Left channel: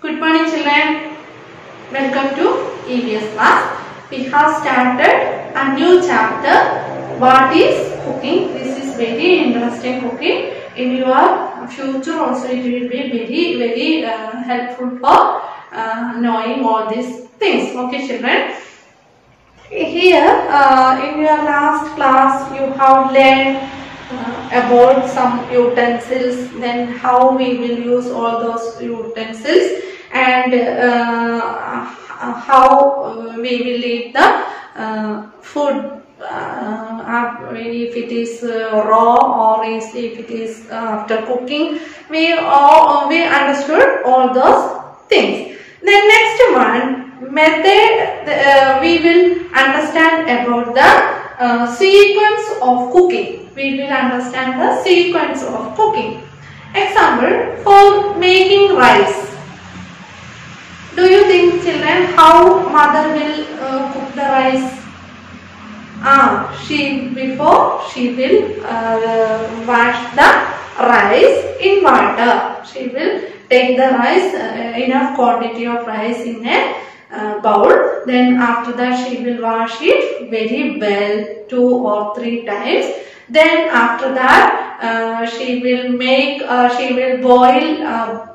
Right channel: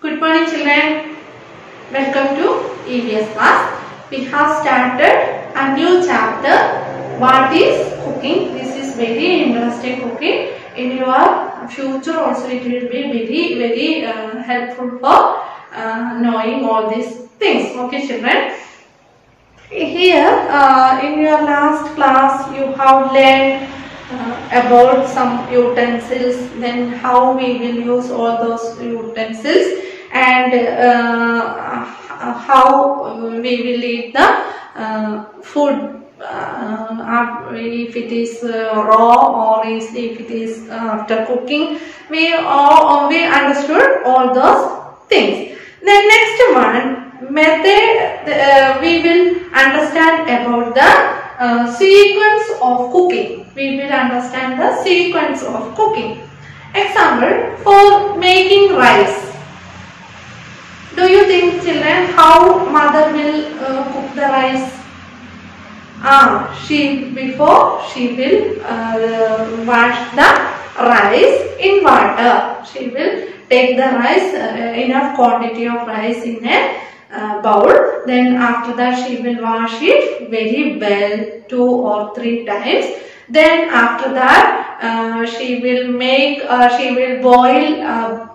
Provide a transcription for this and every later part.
Good morning children. Welcome to EVS class. We have started a new chapter. What is cooking? This is very interesting cooking. In your future also it will be very helpful for knowing all these things. Okay children. Here in your last class you have learned about some utensils, then how we will use all those utensils, and how we will eat the food, if it is raw or if it is after cooking. We understood all those things. The next one method, we will understand about the sequence of cooking. We will understand the sequence of cooking. Example, for making rice. Do you think children how mother will cook the rice? Before she will wash the rice in water. She will take the rice, enough quantity of rice in a bowl. Then after that she will wash it very well 2 or 3 times. Then after that she will boil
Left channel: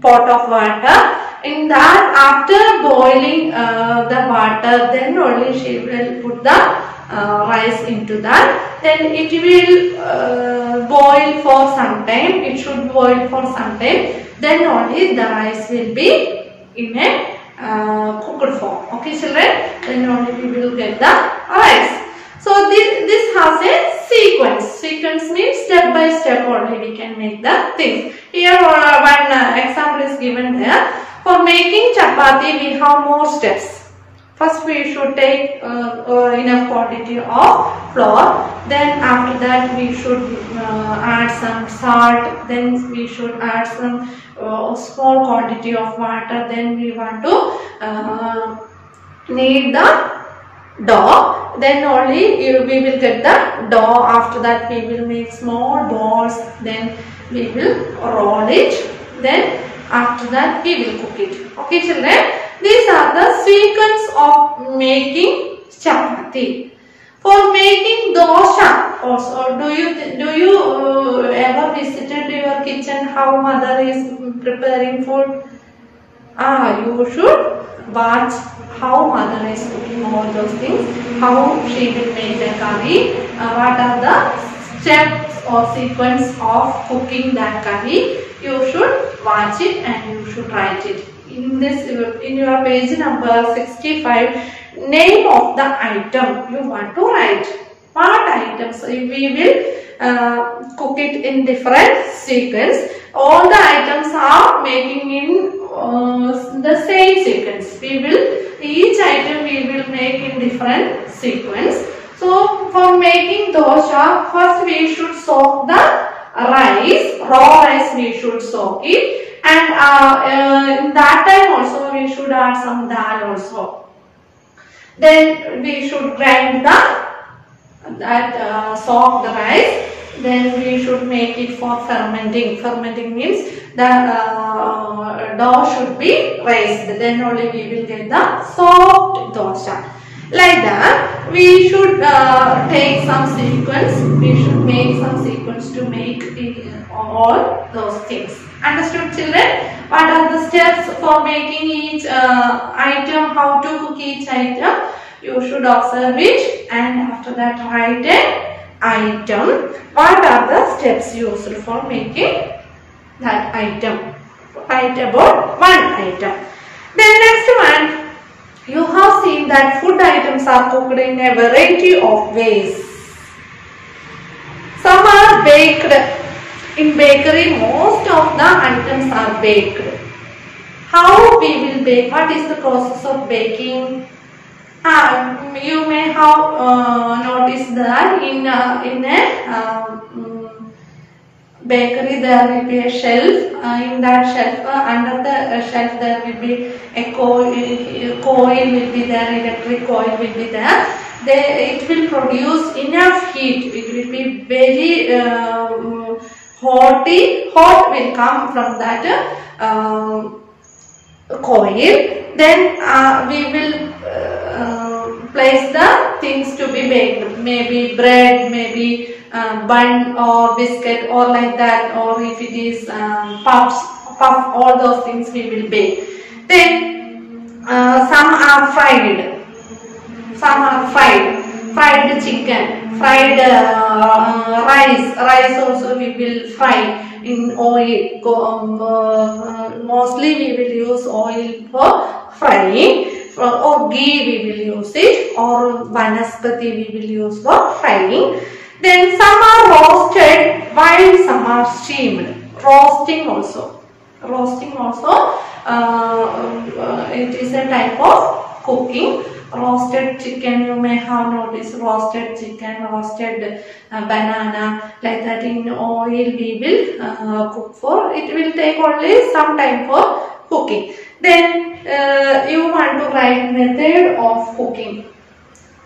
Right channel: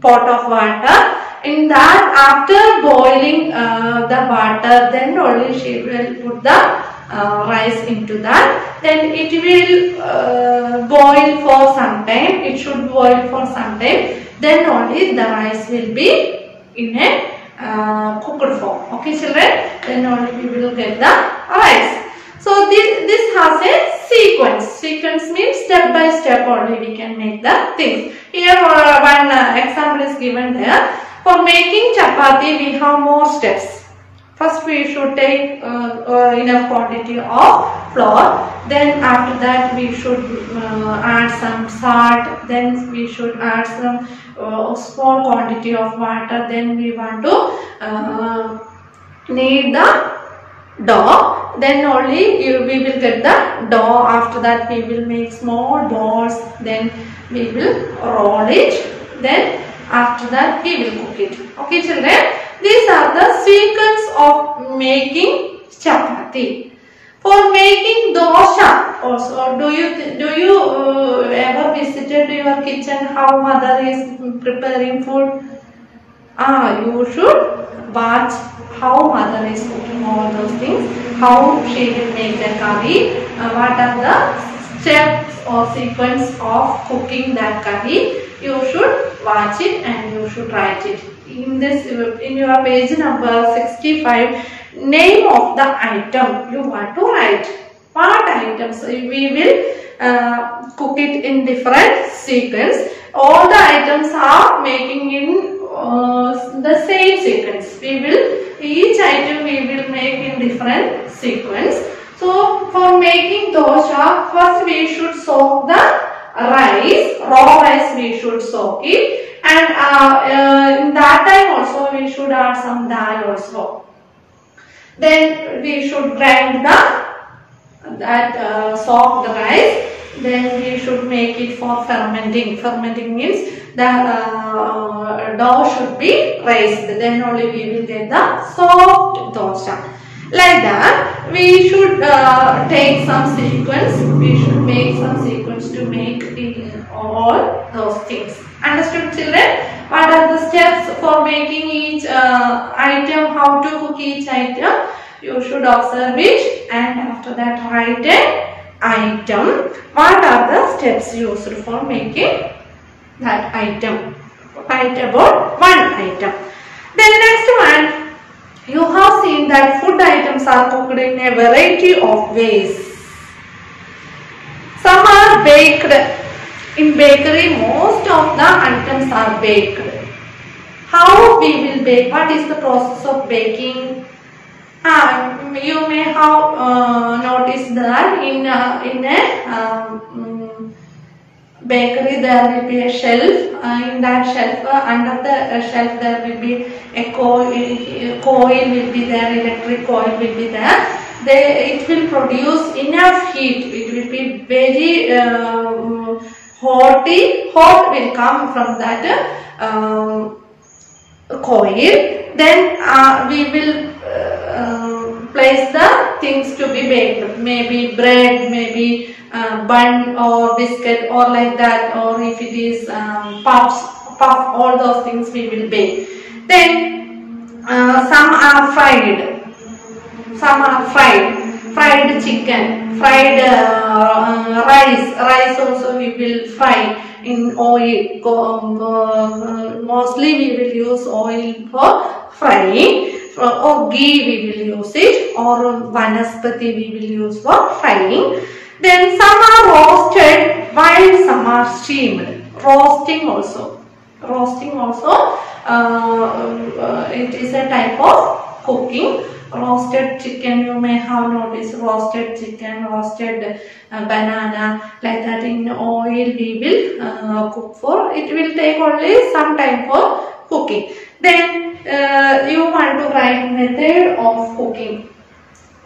pot of water. In that, after boiling the water, then only she will put the rice into that. Then it will boil for some time. It should boil for some time. Then only the rice will be in a cooked form. Okay children? Then only we will get the rice. So this has a sequence. Sequence means step by step only we can make the things. Here one example is given there. For making chapati we have more steps. First we should take enough quantity of flour. Then after that we should add some salt. Then we should add some small quantity of water. Then we want to knead the dough. Then only we will get the dough. After that we will make small balls. Then we will roll it. Then after that we will cook it. Okay children, these are the sequence of making chapati. For making dosha also, do you ever visited your kitchen how mother is preparing food? You should watch how mother is cooking all those things, how she will make the curry, what are the steps or sequence of cooking that curry. You should watch it and you should write it. In your page number 65, name of the item you want to write. What items? We will cook it in different sequence. All the items are making in the same sequence. Each item we will make in different sequence. So for making dosha, first we should soak the rice, raw rice we should soak it, and in that time also we should add some dal also. Then we should grind soak the rice. Then we should make it for fermenting. Fermenting means the dough should be raised. Then only we will get the soft dosha. Like that, we should take some sequence. We should make some sequence to make all those things. Understood children? What are the steps for making each item? How to cook each item? You should observe it and after that write an item. What are the steps used for making that item? Write about one item. Then next one. You have seen that food items are cooked in a variety of ways. Some are baked. In bakery, most of the items are baked. How we will bake? What is the process of baking? You may have noticed that in a bakery there will be a shelf. In that shelf, under the shelf there will be a coil will be there, electric coil will be there. It will produce enough heat. It will be very hot will come from that coil. Then we will place the things to be baked, maybe bread, maybe bun or biscuit or like that, or if it is puff, all those things we will bake. Then some are fried, fried chicken, fried rice also we will fry in oil. Mostly we will use oil for frying, or ghee we will use it, or vanaspati we will use for frying. Then some are roasted while some are steamed. Roasting also, it is a type of cooking. Roasted chicken, you may have noticed, roasted chicken, roasted banana, like that in oil we will cook for. It will take only some time for cooking. Then you want to write method of cooking.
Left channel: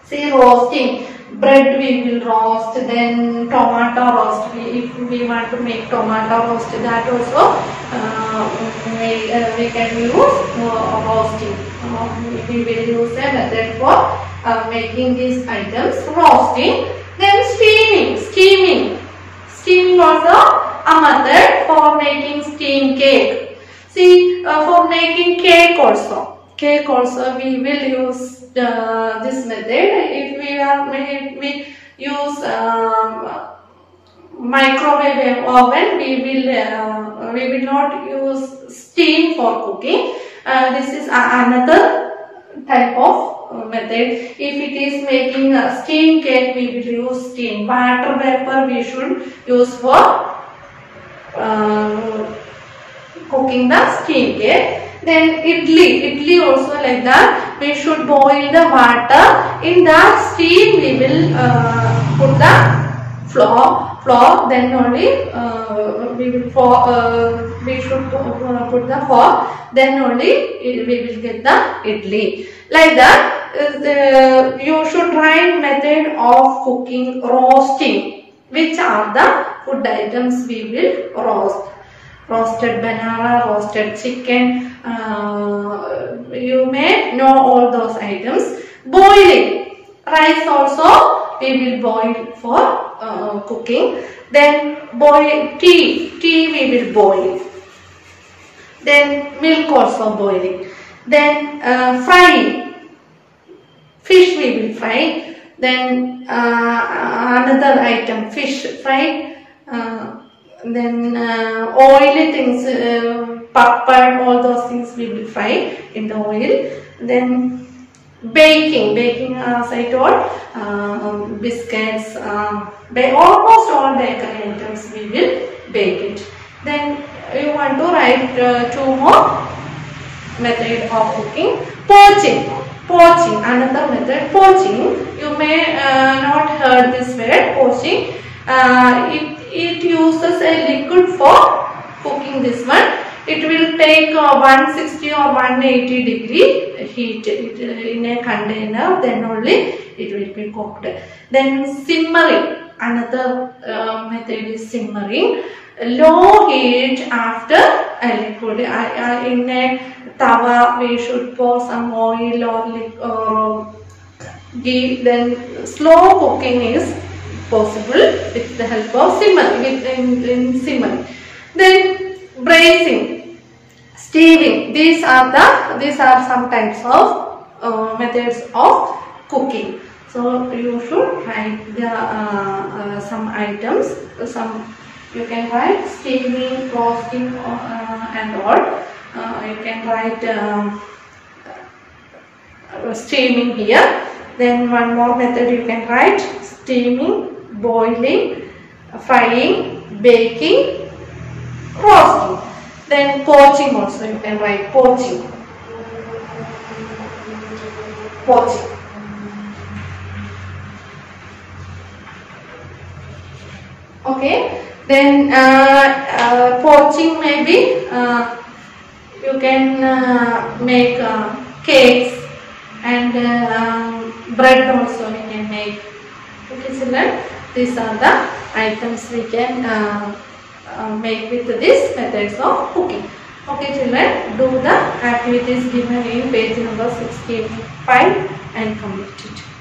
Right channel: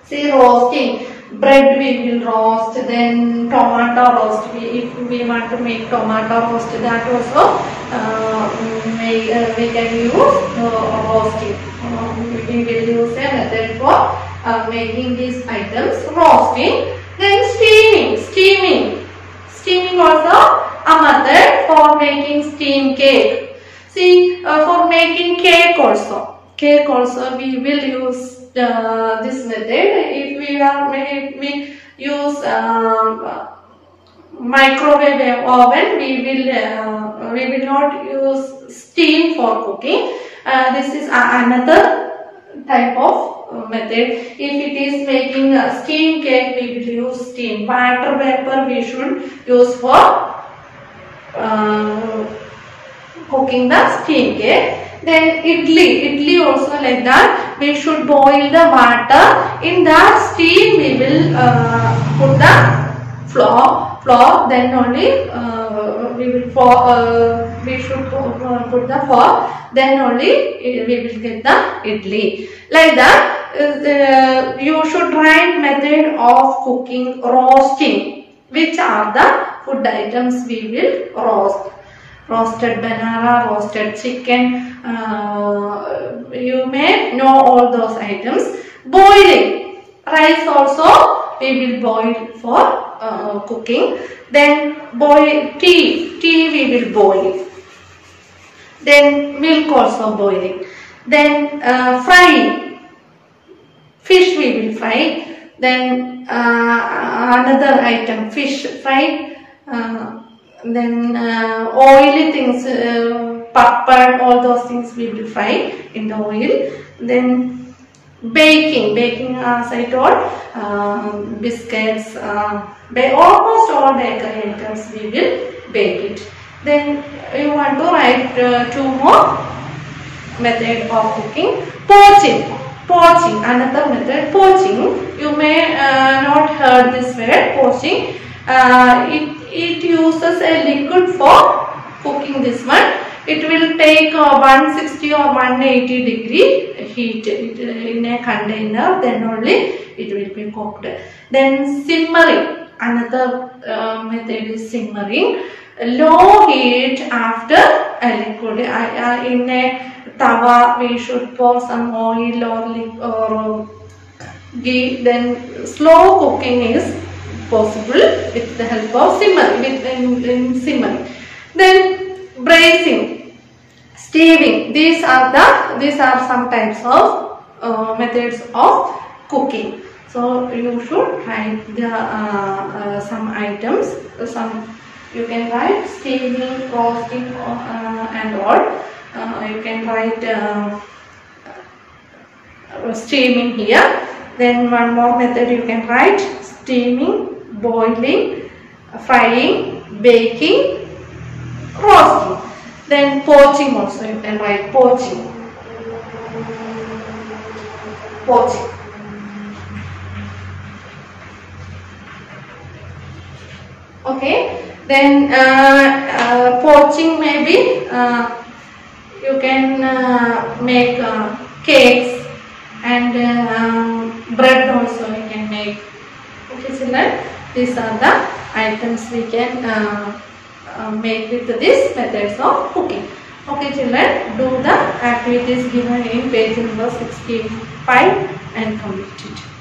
See, roasting, bread we will roast, then tomato roast. If we want to make tomato roast, that also we can use roasting. We will use a method for making these items. Roasting. Then steaming also a method for making steam cake. See, for making cake also we will use this method. If we use microwave oven, we will not use steam for cooking. This is another type of method. If it is making a steam cake, we will use steam. Water vapor we should use for cooking the steam cake. Then idli also like that. We should boil the water. In that steam we will put the flour. Then only we should put the flour. Then only we will get the idli. Like that, you should write method of cooking roasting. Which are the food items we will roast? Roasted banana, roasted chicken. You may know all those items. Boiling. Rice also we will boil for cooking. Then boil tea we will boil. Then milk also boiling. Then frying. Fish we will fry. Then another item, fish fried. Then oily things, papad, all those things we will fry in the oil. Then baking as I told, biscuits, almost all bakery items we will bake it. Then you want to write two more method of cooking. Poaching, another method. Poaching, you may not heard this word, poaching. It uses a liquid for cooking this one. It will take 160 or 180 degree heat in a container, then only it will be cooked. Then simmering, another method is simmering. Low heat after a liquid. In a tawa we should pour some oil or ghee. Then slow cooking is possible with the help of simmering. Then braising, steaming. These are some types of methods of cooking. So you should write the some items. You can write steaming, roasting, and all. You can write steaming here. Then one more method you can write: steaming, boiling, frying, baking, roasting. Then poaching also you can write: poaching. Okay. Then poaching maybe you can make cakes, and bread also you can make. Okay, so these are the items we can make with these methods of cooking. Okay children, do the activities given in page number 65 and complete it.